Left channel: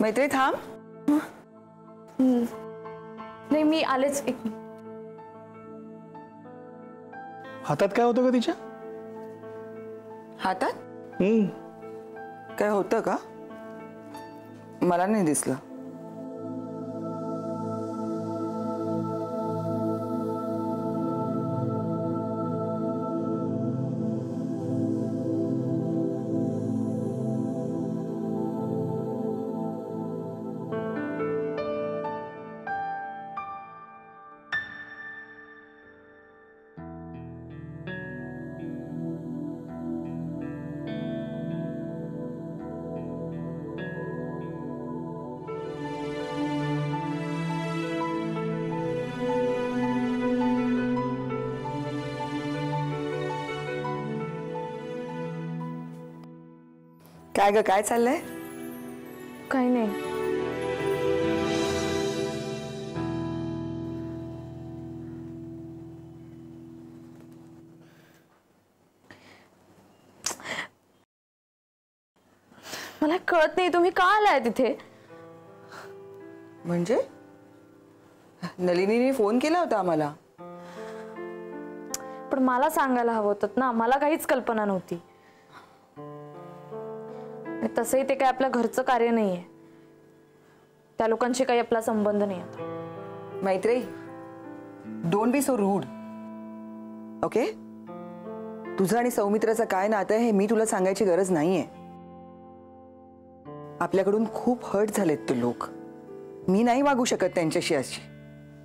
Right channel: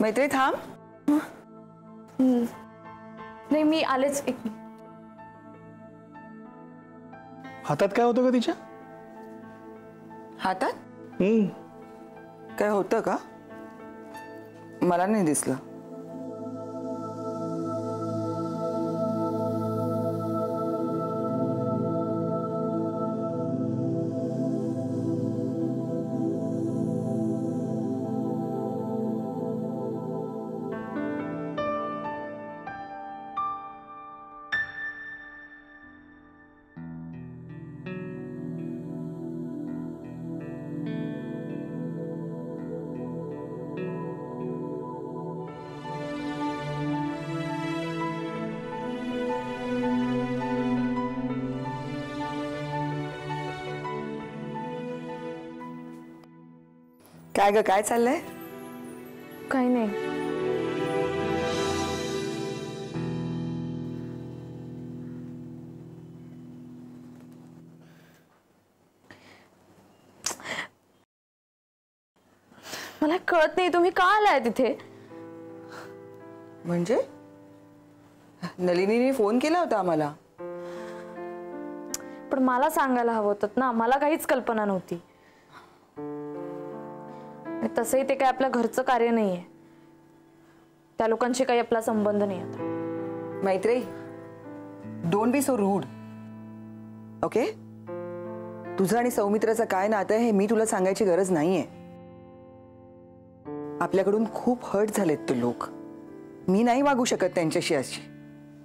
मैत्री थांब. नाही मी आलेच. एक हातात काय होतं का तिच्या? हातात काय होतं का? मला नाही दिसलं. काय ग, काय चाललंय? काही नाही. मला कळत नाही तुम्ही का आलाय तिथे. म्हणजे नलिनीने फोन केला होता आम्हाला. पण मला सांगायला हवं होतं ना. मला काहीच कल्पना नव्हती. तसंही ते काय आपल्या घरचं कार्य नाहीये. त्या लोकांशी काही आपला संबंध नाही आता. Maitri, don't be so rude. Okay, तुझं आणि सौमित्राचं काय नातं आहे हे मी तुला सांगायची गरज नाहीये. आपल्याकडून खूप हर्ट झालेत ते लोक. मी नाही वागू शकत त्यांच्याशी अशी.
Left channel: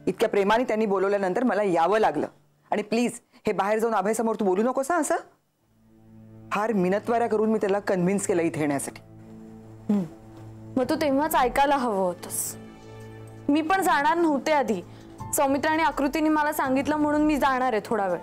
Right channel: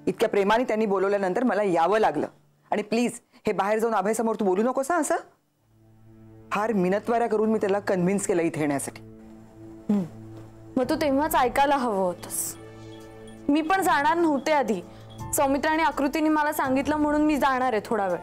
इतक्या प्रेमाने त्यांनी बोलवल्यानंतर मला यावं लागलं. आणि प्लीज हे बाहेर जाऊन अभयसमोर तू बोलू नकोस हा असं. फार मिनतवाऱ्या करून मी त्याला कन्व्हिन्स केलं इथे येण्यासाठी. मग तू तेव्हाच ऐकायला हवं होतंस. मी पण जाणार नव्हते आधी. सौमित्र आणि आकृतीने मला सांगितलं म्हणून मी जाणार आहे थोडा वेळ.